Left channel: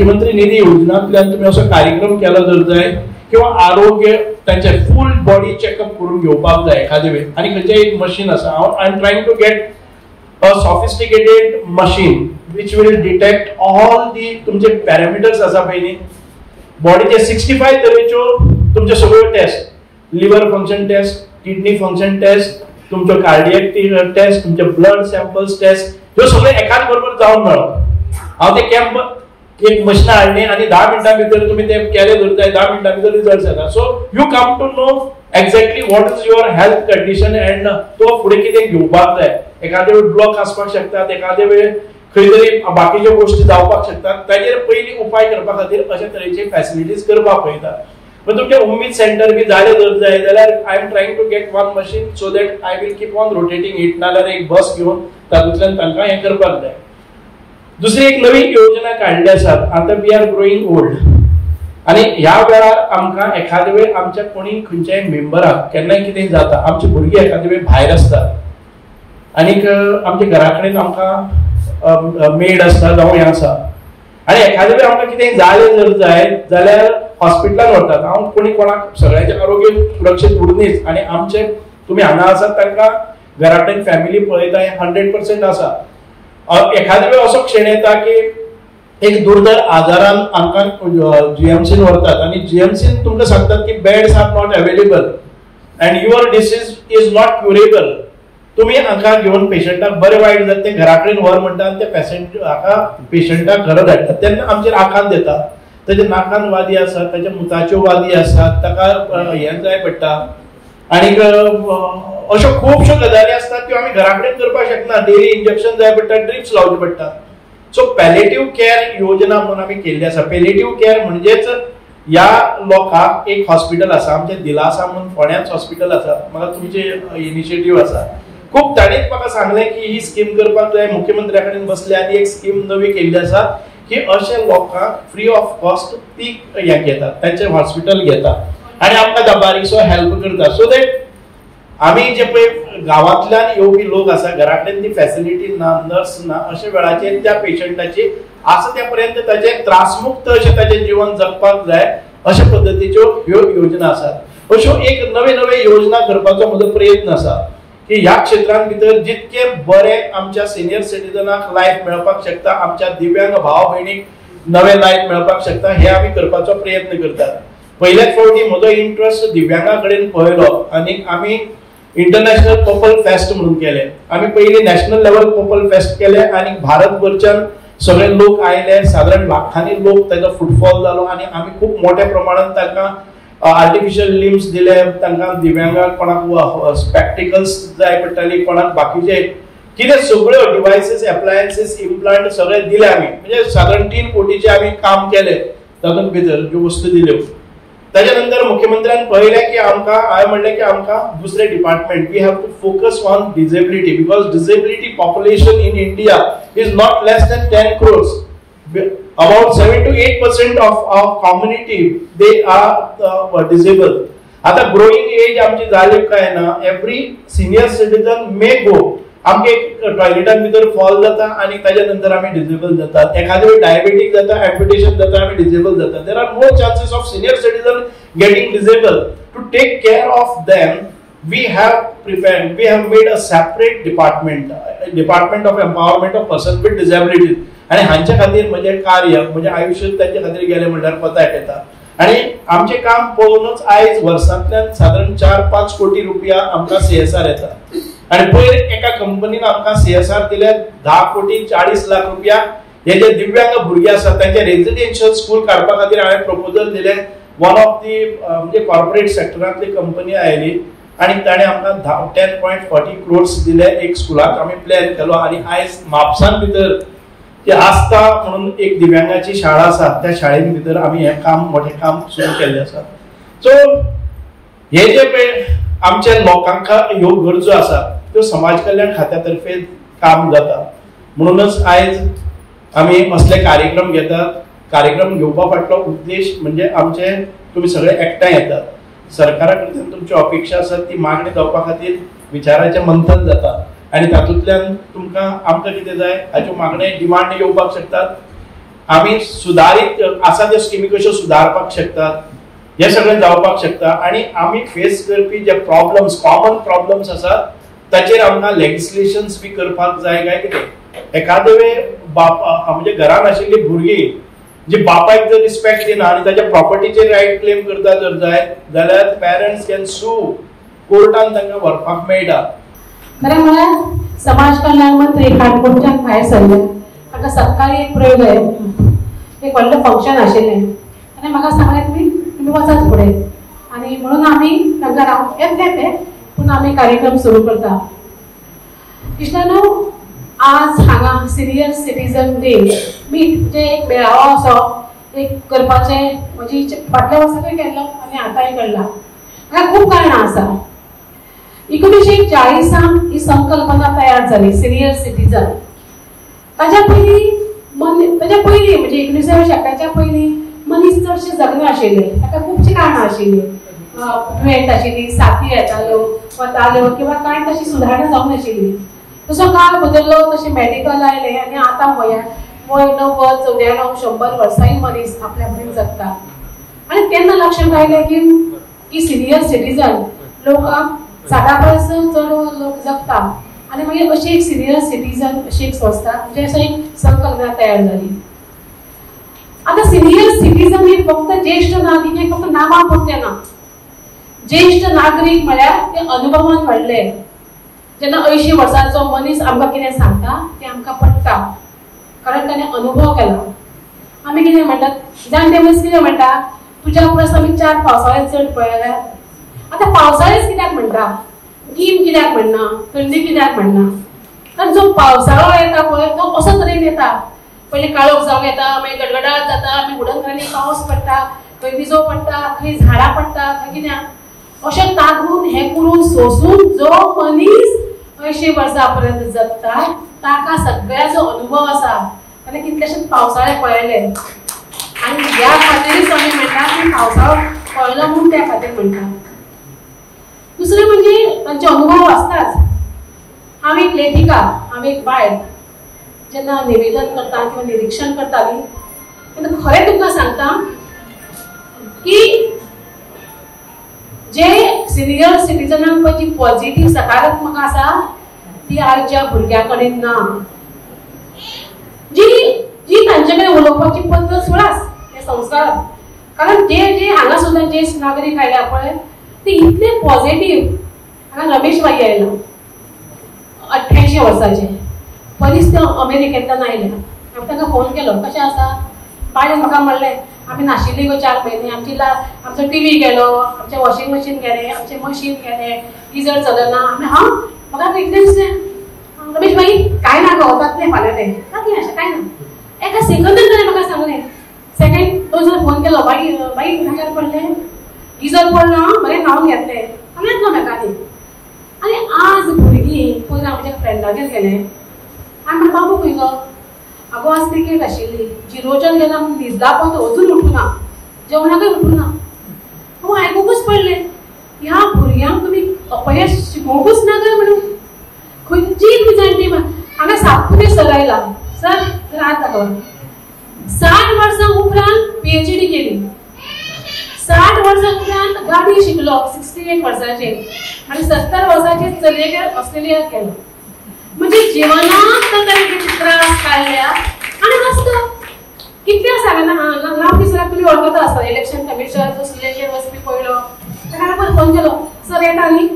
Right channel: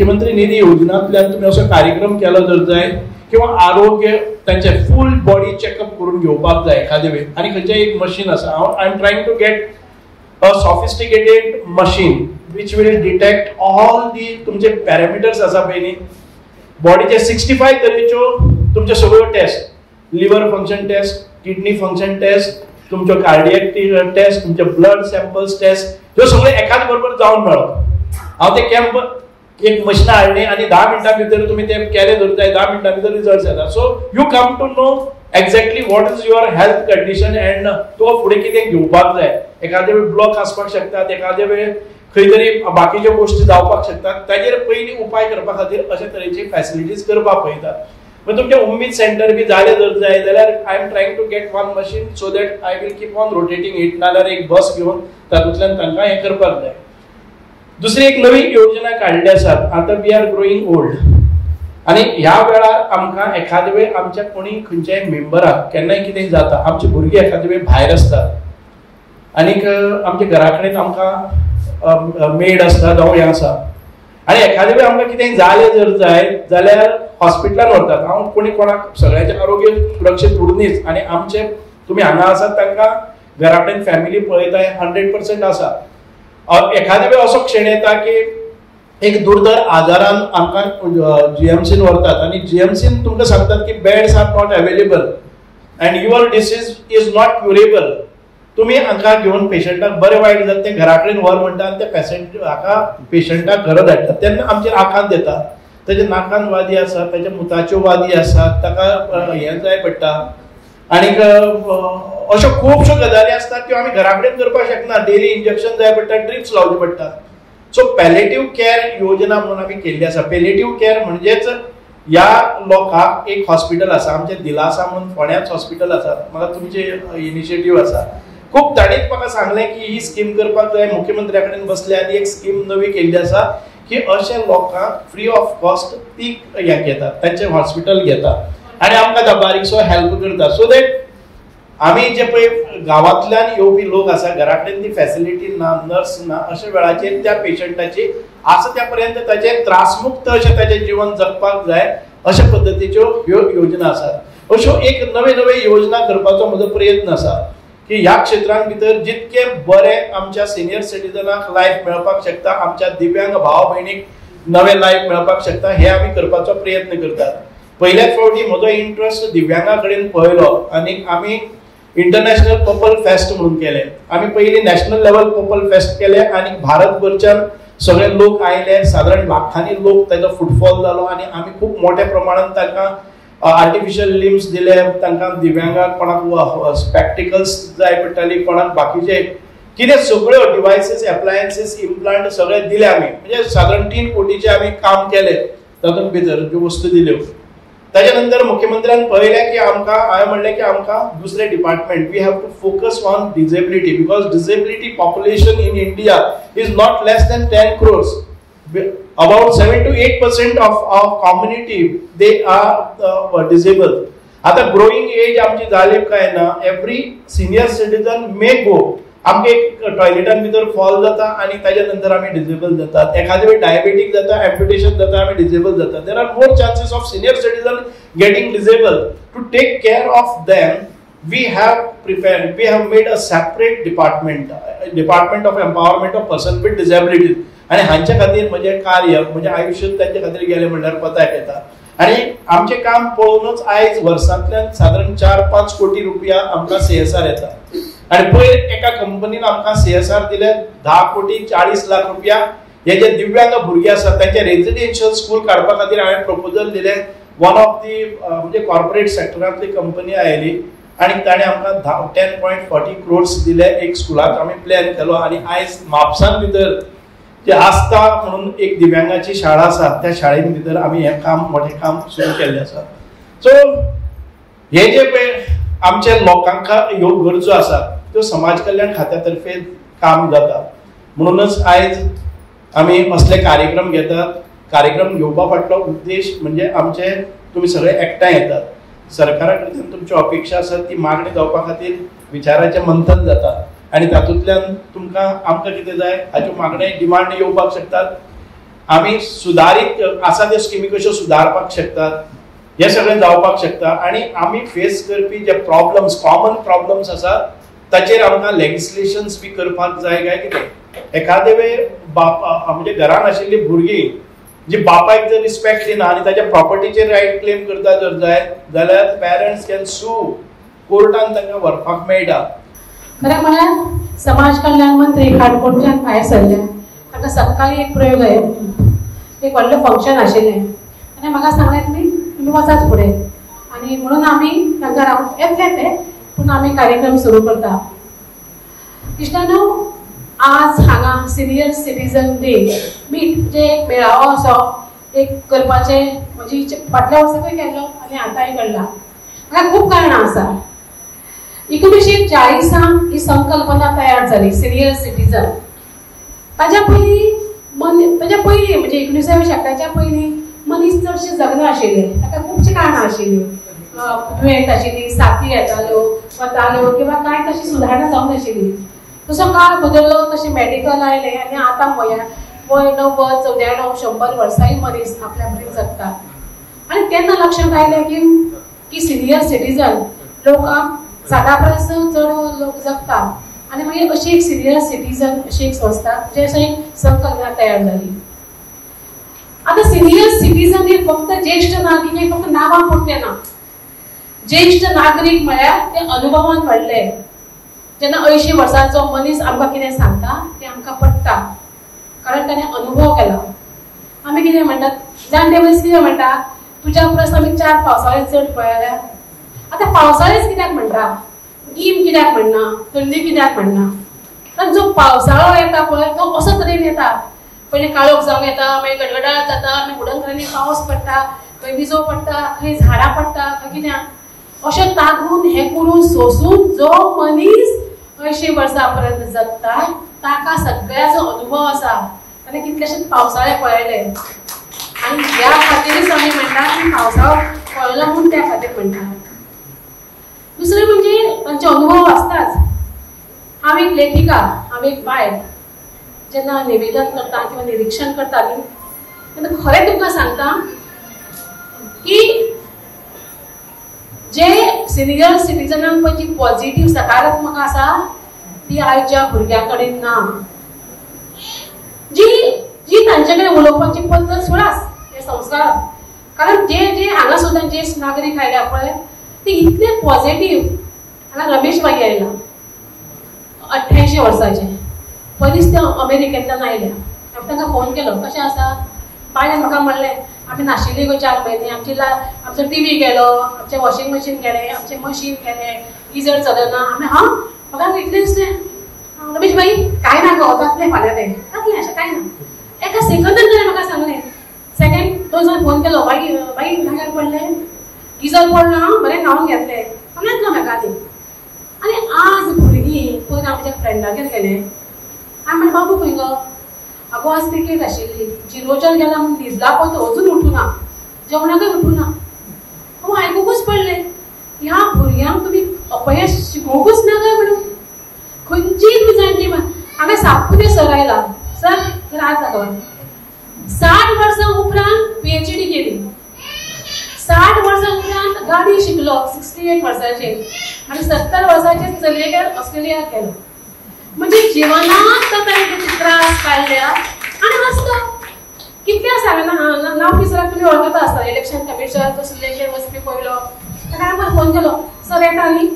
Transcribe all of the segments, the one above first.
मुख्यमंत्री निधी योजनांतल्यान तुम्ही असो कार्यक्रम केलो जर जाय किंवा आरोग्य त्यांचे फुल बॉडी चेकअप करून घेवपाक जाय एखादे वेळ आणि खंयचें एक मशीन आसा I am trying to get a sophisticated machine which will detect all the तुमचे पॅरामीटर्स आसा पयली बॉडीचे 65 तरेच्यो तुमचे सगळ्यो test liver function test kidney function test तुमचो कार्डियक टेस्ट तुमचे ब्लड सॅम्पल्स टेस्ट ह्यो सगळे एकाच बरोबर जावन मेळो हांव ते कॅम्प एक मशीन हाडली आणि 10 मिनटां भितर तुम्ही ते केले धरून जाय 10 मिनटां भितर रिजल्ट येता so you come to know exactly what is your health condition and तो फुडें कितें घेवपाक जाय एखादे वेळ ब्लॉक आसपाक शकतात एखादे वेळ खंय तरी बाकीच्यो गोष्टी जावपाक शकतात ताजेर पयली उपाय करपा खातीर अशा तरेची फॅसिलिटीज करपाक पळयतात पण तुमचे उम्मीद सेंटर बी जाले जर जाय जाल्यार I am trying to get one machine so that I will keep on rotating it नाल्यार एक बस घेवन तातूंतल्यान तांकां हें करपाक जाय दुसरी एक नवी योजना काढली आसा आता वी आर ग्रोईंग ओल्ड आणि ह्या वेळार आमकां एखादे वेळ आमच्या कोणी खंयच्याय मेंबराक केन्नाय कितें जाता आमचे भुरगे एखादे वेळ भायर आसतात आनीक आमच्या घरा कडेन आमकां मेड आसता जावं हें आसा आनी एखादे वेळ आमकां कितें जालें जर जाय जाल्यार हॉस्पिटलान व्हरतात हांव कोणी कोणाक सगळ्यांचें आरोग्य सुरक्षीत उरनीच आनी आमचे तुमी हांगा आसात तांकां घरा कडेन फॅमिली पळयताय 100% आसा एखादे वेळ असो क्षण येता की एक दुर्धर आजारान आमकां जीएमसीन व्हरतात आणि जीएमसीन तुमकां सांगतात की beds are not available and your disease is not curable तुम्ही हांकां घेवन पेशंटाक बरें वायट जाता ते घरा कडेन व्हर म्हणटा ते पेशंटाक घरा धाडटात तेन्ना आमचेर आकांत येता तेजे नाकान वादी आसात तेज्या मुताच्यो वादी आसात ताका हें जाय पडटा आनीक अशो खुबश्यो गजाली आसतात त्यो आमी घरा कडेन करपाक शकना डेली इंजेक्शन जाय पडटा ड्रिप्स लावचे पडटा सो पॅलेटिव्ह केअर योजना म्हणून आमी केल्ली आसा पॅलेटिव्ह केअर म्हणजेच ह्या लोकांक एक हॉस्पिटल आसा आमचे दिलासा म्हणून फोंड्याच हॉस्पिटल आसा म्हाका तुमचे इनिशिएटीव्ह आसा खूब ताणेंच म्हाका सांगलें की ही स्कीम करपाक जाय मुख्यमंत्र्या कडेन बसले आनी एक स्कीम नवी केल्ली आसा की अशा लोकांक फ्री ऑफ कॉस्ट ती हें घेतात तांचे हॉस्पिटल घेतात आनी आमकां बारीकसो हेल्प करता सो दॅट आमी जे पळय गांवांतल्यान येवपी लोक आसा घरा कडेन ती फॅसिलिटी ना नर्स ना अशा वेळाचेर त्या पेशंटाची आसा त्या पर्यंत ताचे त्रासमुक्त अशें ताचें जिवन जगपाक जाय अशा पद्दतीच्यो ह्यो योजना आसात अश्यो एक नवे नवे योजना करपाचो म्हजो प्रयत्न आसा की ह्या क्षेत्रांत भितर जितके बरे आमच्या सिनियर सिटीजनाक लायफ मेळपाक शकता आमच्या दिव्यांग भाव भयणीक नवे लायफ मेळपाक शकता हे आमी करपाचो प्रयत्न करतात पहिल्याच फावटी म्हजो इंट्रस्ट दिव्यांगा कडेन पळयलो आनी आमी इंटरनॅशनल पर्पल फेस्ट म्हणून केले आम्ही पहिले नॅशनल लेवल पर्पल फेस्ट केले आणि भारतभरच्यान सगळे लोक आयले साधारण लाखांनी लोक त्याचा फुटफॉल जालो आणि आम्ही खूप मोठ्या प्रमाणात तांकां आर्टिफिशियल लिम्स दिले तांकां दिव्यांगाक कोणाक स्पेक्टिकल्स जाय पडटाली कोणाक बाकीचे कितें सगळ्यो डिवायसेस एप्लायन्सेस इम्प्लांट सगळे दिले आमी म्हणजे साधारण 3 कोटीचे आमी काम केले तातूंत भितर ज्यो वस्तू दिल्यो त्याच्यानंतर मुख्यमंत्र्यांनी पळयलें की आमकां हांवें म्हणलें की आमकां दुसरे department we have to focus on disability because disability population in India is not less than 10 crores about 7 to 8% of our community they are disabled आता ग्रोइंग एज आमची जाली काय ना एवरी सिनियर सिटीजन मे गो आमके टॉयलेटान भितर फॉल जाता आणि त्याच्या नंतर आम्ही डिसेबल जातात एखाद्या वेळी डायबिटीक जाता एम्प्युटेशन जाता आम्ही डिसेबल जातात there are more chances of senior citizen getting disable to take care of them we have made a separate department of empowerment of persons with disabilities आणि हांच्या खातीर म्हणजे कार्य म्हणजे आयुष्य त्यांच्या खातीर गेले म्हणल्यार पताक येता आणि आमचे काम पळोवनूच आयज वर्सांतल्यान साधारण 4-5 कोटी रुपया आमकां CSR येता आणि पयर एका कंपनीन आमकां CSR दिले 10 कोटी 40 लाख रुपया हे जे दिव्यांग भुरगे आसात त्यांचे रेजिडेन्शियल स्कूल काडपा खातीर हांवें प्रपोजल दिले वन ऑफ दी म्हणजे कॉर्पोरेट सेक्टरांतली कंपनी आयली आणि ताणे आमकां 10.40 crores दिले एक स्कुलाक आमी प्लॅन केलो आणि आयज म्हापसान भितर जे आस्था म्हणून एक दिव्यांगाची शाळा आसा त्या शाळेन भितर आमी हे काम मोठे काम सुरू केल्ले आसा सो हे जे पळय आमच्या लोकांक ह्यो गरजो आसा त्यो समाज कल्याण खात्यातर्फे काम जाता म्हणूनच आयज आमी असले कार्यक्रम घेतात कार्यक्रम घेवपा फाटलो उद्देश म्हणजे आमचे तुमी सगळे एकठांय येतात सरकारा कडल्यान तुमची अपेक्षा आसा ती मागणी जावपा खातीर विचाराचें मंथन जाता आणि तातूंतल्यान तुमकां आमकां कितें जाय हाच्यो मागण्यो डिमांड येवपाक शकतात आमी सुदारीत आसा त्यो स्किमी कश्यो सुदारपाक शकतात, हे सगळें जावपाक शकता. आणि आमी फेस करपी जे प्रॉब्लम्स, कॉमन प्रॉब्लम्स आसात ताचेर आमकां लेजिस्लेशन्स बी करपाक जाय काय कितें. एखादे वेळ म्हणजे घरान आशिल्ली भुरगीं जी बापायक जर रिस्पेक्ट दिना आनी ताच्या प्रॉपर्टीचेर रायट क्लेम करता जर जाय जाल्यार पेरेंट्स कॅन सू, कोर्टान तांकां व्हरपाक मेळटा. खरें म्हळ्यार समाज कल्याण मंत्री काणकोणच्यान भायर सरले. ताका सकाळी एक प्रयोग एक व्हडलें फंक्शन आशिल्लें आनी म्हाका सांगलें तुमी वचात फुडें, आनी म्हणून आमी तांकां येतले ते पूण आमी कार्यक्रम सुरू करता. इश्टानो, आज हांगा सिनियर सिटीजन डे मीट म्हणजे एक मेळावो असो एक करपाचे म्हणजे फाटल्या वर्साकय केल्लो आनी आतांय घडला. हाका खूब कारणां आसा. 1940 ही संकल्पना तयार जाली सिनियर सिटीजन. ताच्या पयलीं म्हणजे 19व्या शेकड्याच्या पयलीं मनीस चडशे जगना आशिल्ले. ताका खुबशीं कारणां आशिल्लीं. दुयेंत आशिल्लीं, साथी येताल्यो वताल्यो किंवा कांय तशी सुदारणा जावंक नाशिल्ली. जसो काळ बदललो तशें मेडिकल आयलें आनी आतां वय 90, 94, 100 वर्सांय मनीस आपल्या बरेन जगता. आनी तेन्ना लक्षांत आयलें की सिनियर सिटीजन लोकांक 60 परस चड लोक जगता आनी मागीर अशी एक सिनियर सिटीजन अशी एक संस्था म्हणजे अशी एक संकल्पना तयार जाली. आता सिनियर सिटीजन हे फक्त ज्येष्ठ नागरिक हे फक्त नांवां पुरते ना. ज्येष्ठ नागरिक म्हळ्यार ते अनुभवान वाडले. जेन्ना 80 वर्सांचो मनीस आमकां कितें सांगता तें आमकां पडटा कारण ताणें अनुभव केला. आमी कितें म्हणटात, जाणटे मनीस कितें म्हणटा, तुज्या परस आमी 4 पावसाळे चड पळयल्या. आता पावसाळेच कित्याक म्हणटा, गीम कित्याक म्हणना, थंडी कित्याक म्हणना. कारण जो पावसाळो येता पळय तो असो तरेन येता. पयलीं काळोख जावंक येता, मागीर गडगडाट जाता, मागीर उडंगरांनी पावस पडटा, खंय विजो पडटा, खंय झाडां पडटा, खंय कित्याक अशें तागून हें करून सोंसून जो मनीस 80 वर्सां पर्यंत जगता ताका सगळ्याचो अनुभव आसा. ताणें कितलेशेच पावसाळे पळयले आनी ह्या खातीरच आमी म्हणटात की पावसाळो पळयलो म्हूण त्या खातीर म्हणटात. दुसरें म्हणजे तांचे अनुभव आसताच. हांव एक लेखिका, हांव एक बायल. जेन्ना निवेदन करता किंवा निरीक्षण करताली तेन्ना खरें तुमकां सांगता की जे सिनियर सिटीजनांक पळय जी पॉझिटिव्ह सकारात्मक आसा ती आयच्या भुरग्यां कडेन ना. जी तांचे कडेन उलोवपाची पद्दत सुळास हे संस्कार. कारण जे हांगा सुद्दां ज्येश्ठ नागरीक आयल्या पळय ते इतले पॉझिटिव्ह. हांगा रमेश बाई आयलो 88 वर्साचे, पयलींच ते अमेरिकेंतल्यान आयले. हांवें ताका फोन केलो, कशें आसा. बायन म्हाका म्हणलें आमी नाशिल्ली गो 4 म्हयने, आमचो टीव्ही गेलो, आमचें वॉशिंग मशीन गेलें, आमचें मशीन गेलें, गिजर चलना. आमी म्हाका इतलें दिसलें रमेश बाई काय ना गो जातलें फाल्यां तें जातलें अशें काय ना. एका सेकंदान ताणें म्हाका सांगलें. सेकंड 2 दिसांनी फोन केलो, बाई भायर पडलें, गिजर पडना, बरें न्हांवन घेतलें. सांगलें ना म्हाका ती. आनी आज भुरगीं पयलीं आमच्या फ्रेंडागेर गेलें. हांवें म्हणलें बाबू खंय गो. आगो आज क्रिकेट आशिल्ली, जिरोच्यान गेला म्हूण न्हिदला पळय तो अजून उठूना, जेवणाकय उठूना. हांव आयकूंकूच पडलें ह्या भुरग्यांक तुमी अपयश शिकोवंकूच ना काय म्हणून. खंयचीय तुमी जाणटी हांगा सातपुते सर आयला. सर आज दाखवा 60 वर्सां उपरांत PhD केली. 60 वर्सां उपरांत गाडी शिकलो 68 वर्साचेर आनी 70 वर्साचेर चलयेक ऑस्ट्रेलियाक गेलो. म्हणजे जिवनात तरेचे त्रास काडल्या आनी आसता. कितल्या सांगना नांव विसराक तुमी वळखता आसता. इलेक्शन कमिशन सिलेक्शन वचपी पयलो ताका हांवें फोन केलो, सर येता न्ही.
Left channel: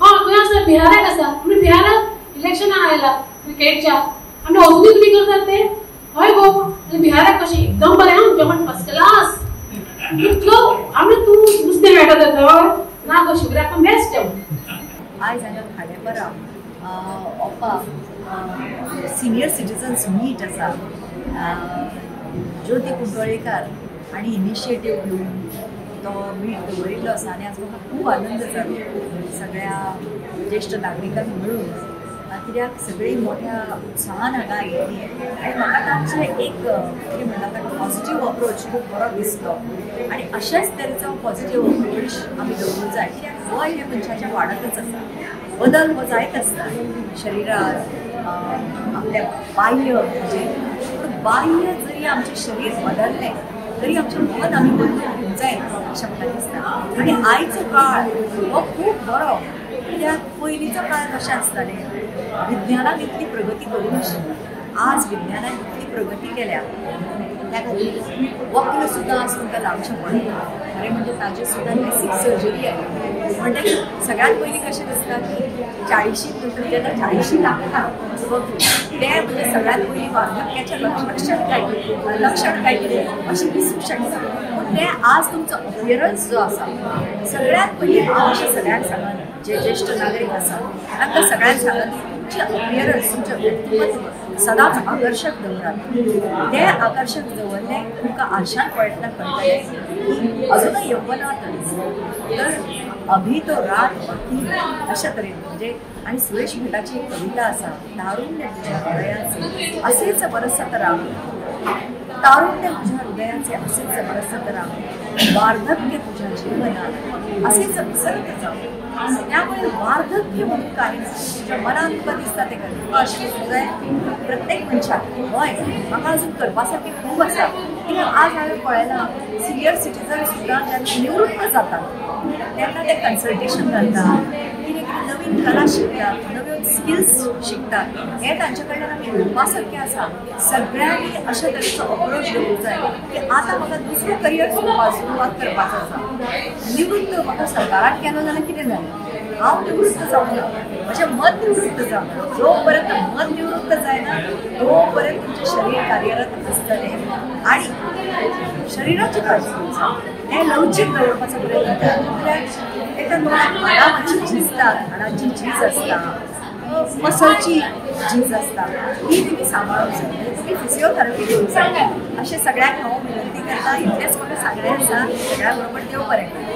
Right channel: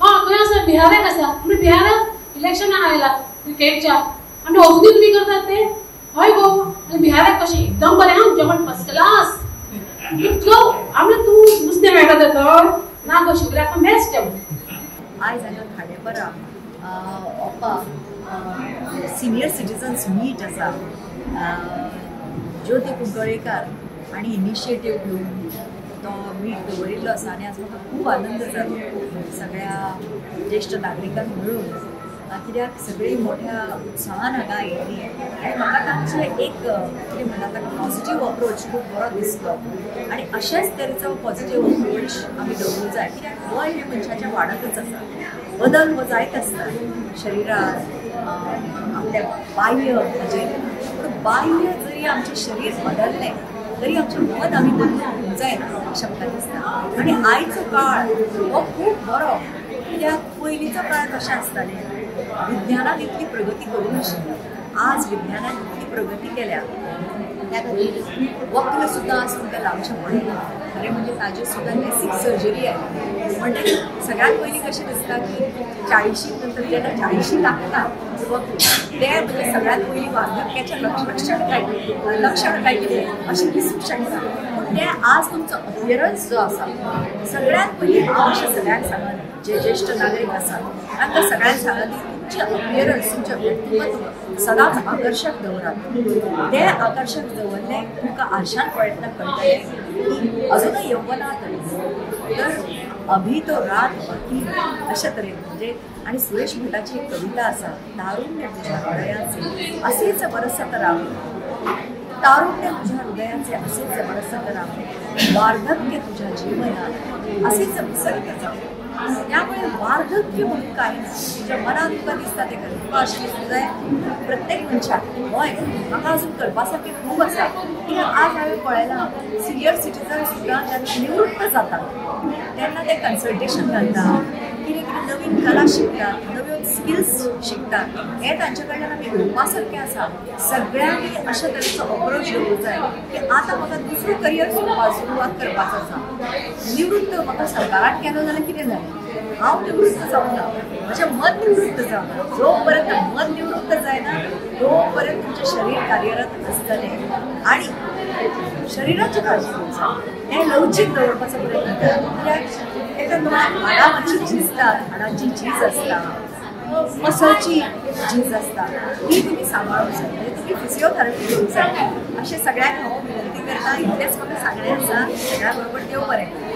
खंय आसा, बिहाराक आसा. म्हणजे बिहाराक इलेक्शनाक आयला क्रिकेटच्या आमी अजूनय तुमी करतात ते. हय गो बिहाराक कशें एकदम बरें हांव जेवण फर्स्ट क्लास. आमी तूं नुस्तें मेळटा तर ना गो शिवराक बेस्ट जेवण. आयज हांगा खाडेपरा ओपा सिनियर सिटीजन्स मीट आसा. ज्योती कुंकळेकार हांणी इनिशिएटीव घेवन तो मीट दवरिल्लो आसा आनी आज म्हाका खूब आनंद जालो सगळ्या ज्येश्ठ नागरिकांक मेळून. कित्याक सगळीं मोठ्या उत्साहान हांगा आयिल्लीं आनी म्हाका तांचे एक कितें म्हणटा ताका पॉझिटीव अप्रोच खूब बरो दिसलो. आनी अशेंच तरेचो पॉझिटीव अप्रोच आमी दवरूंक जाय. कित्याक वय हें मनशाचें वाडतच आसा, बदल हो जायत आसता शरिरांत, आपल्या बाह्य हाजेर. पूण बाह्य जरी आमचें शरीर बदललें तरी आमचें मन आमी बदलूंक घेवंक जायना अशें म्हाका दिसता. आनी आयचो काळ हो खूब बरो, कित्याक पयलींच्या काळांत अशें आसतालें विज्ञानान इतली प्रगती करूं नाशिल्ली. आज विज्ञानान इतली प्रगती केल्या त्या खातीर वखद सुद्दां आज तुमकां लावचें पडना. खरें म्हणजे ताजेर सुद्दां लेसीक सर्जरी आयली. म्हणटकीर सगळ्यात पयलीं कशें दिसता की 40 नंतर जेन्ना 40 लागता ते म्हणजे सगळ्यात पयलीं वार्धक्याचें लक्षण काय कितें अशें दिसूंक शकता. पूण तें आज तुमचो अपियरन्स जो आसा सगळ्यात पयलीं हांव अशें सगळ्यांक सांगना, जे ज्येश्ठ नागरीक आसात तांकां सगळ्यांक सांगना की तुमचें अपियरन्स तुमचें व्यक्तिमत्व सदांच आकर्शक दवरात. तें आकर्शक दवरलें तुमकां आरशान पळयतना कळटलें की अजुनूय यव्वनांत तर अभी तो रात बाकी अशा तरेन. म्हणजे आणि सुरेश भटाची एक कविता आसा, तारुण्य तुझ्या हृदयाचे असेच बरसत राम, तारुण्य तुझ्या हृदयाचे असेच बरसत राम, वार्धक्य तुझ्या जीवनात असेच विसरत जाऊ. त्यामुळे वार्धक्य म्हणून काही ना, तुझ्या मनात तुका दिसता ते कर. तुका अशें दिसूंक जाय प्रत्येक मनशाक हय म्हाका अजून करपासारकें खूब आसा. कित्याक आज हांवें पळयलां सिनियर सिटीजन सुद्दां जेन्ना निवृत्त जातात तेन्ना ते कन्सल्टेशन घालतात, कितें कितें नवीन कला शिकतात, नवीन स्किल्स शिकतात. हें तांचे कडल्यान आमी घेवपासारकें आसा. सगळ्यांनी अशा तरेचो अप्रोच घेवंक जाय की आतां म्हाका दुसरो करियर सुरवात करपाचो आसा. निवृत्त म्हाका सरकारान केलो जाल्यार कितें जालें, हांव निवृत्त जावना, म्हजें मन निवृत्त जावना. जो पर्यंत मन निवृत्त जायना तो पर्यंत तुमचें शरीर कार्यरत आसतलें. आनी शरिराची काळजी घेवंक जाय, हें लवचीक दवरपाचो प्रयत्न करा. कित्याक एका तोंडाक हाडां मातशी झिजतात, हाडांची झीज आसता, मसलची झीज आसता, ही तुमी सांबाळूंक जाय. म्हणजे तुमी फिजिओथेरपी करूंक जाय. अशें सगळ्यांक हांव विनंती करता. इतलेंच म्हाका सांगणें आसा. सगळ्या बरोबर देव बरें करूं.